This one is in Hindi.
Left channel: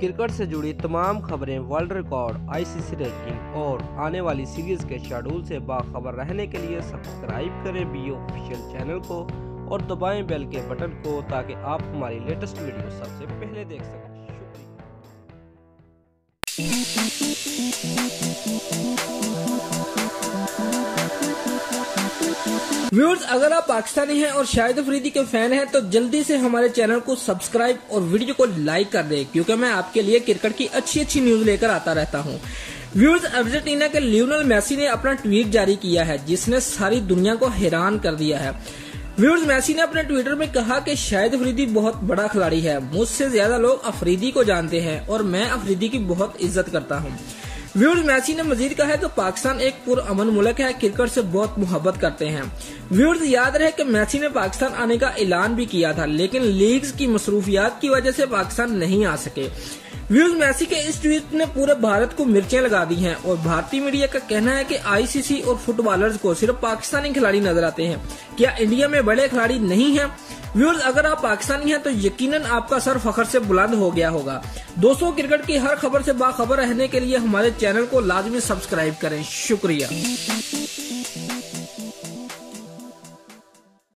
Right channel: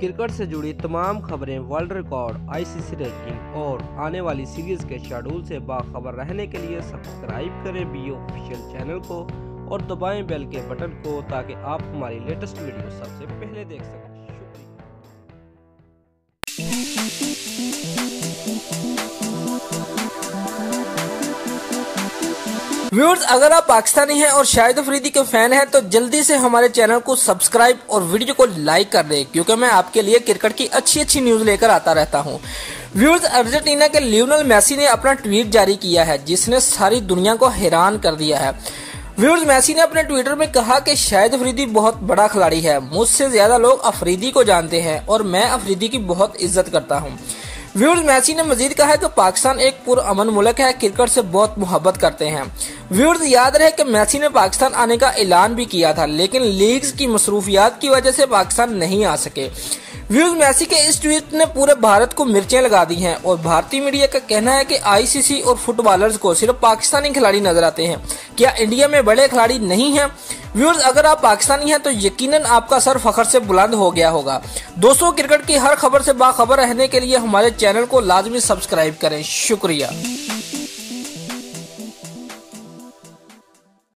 क्रिकेट से जुड़ी तमाम खबरें, वर्ल्ड रिकॉर्ड, आईसीसी रैंकिंग और आने वाली सीरीज के शेड्यूल से बाखबर रहने के लिए सब्सक्राइब करें बी ऑफिशियल चैनल को और दबाएं बेल के बटन को ताकि आप हमारी लेटेस्ट वीडियो सबसे पहले देख सकें। व्यूअर्स, अगर आप पाकिस्तानी हैं और शाहिद अफरीदी के फैन हैं तो जल्दी से हमारे चैनल को सब्सक्राइब और वीडियो को लाइक कर दें, क्योंकि मैं आपके लिए क्रिकेट की अच्छी न्यूज लेकर आता रहता हूं। व्यूअर्स, अर्जेंटीना के लियोनेल मेसी ने अपना ट्वीट जारी किया है जिसने सारी दुनिया को हैरान कर दिया है। व्यूअर्स, मेसी ने अपने ट्विटर में कहा कि शाहिद अफरीदी बहुत बड़ा खिलाड़ी है, मुझसे ज्यादा लोग अफरीदी को जानते हैं और मैं अफरीदी की बहुत इज्जत करता हूं। व्यूअर्स, मेसी ने मजीद कहा है कि पाकिस्तान एक पुरअमन मुल्क है, क्रिकेट से बहुत मोहब्बत करते हैं। व्यूअर्स, याद रहे कि मेसी ने पाकिस्तान आने का ऐलान भी किया था, लेकिन लीग्स की मसरूफियात की वजह से पाकिस्तान नहीं आ सके। व्यूअर्स, मेसी के इस ट्वीट ने पूरे भारत को मिर्चें लगा दी हैं और भारतीय मीडिया का कहना है कि आईसीसी और फुटबॉलर्स को सिर्फ पाकिस्तानी खिलाड़ी नजर आते हैं। क्या इंडिया में बड़े खिलाड़ी नहीं हैं? व्यूअर्स, अगर आप पाकिस्तानी हैं तो यकीनन आपका सर फखर से बुलंद हो गया होगा। दोस्तों, क्रिकेट की हर खबर से बाखबर रहने के लिए हमारे चैनल को लाजमी सब्सक्राइब करें। शुक्रिया।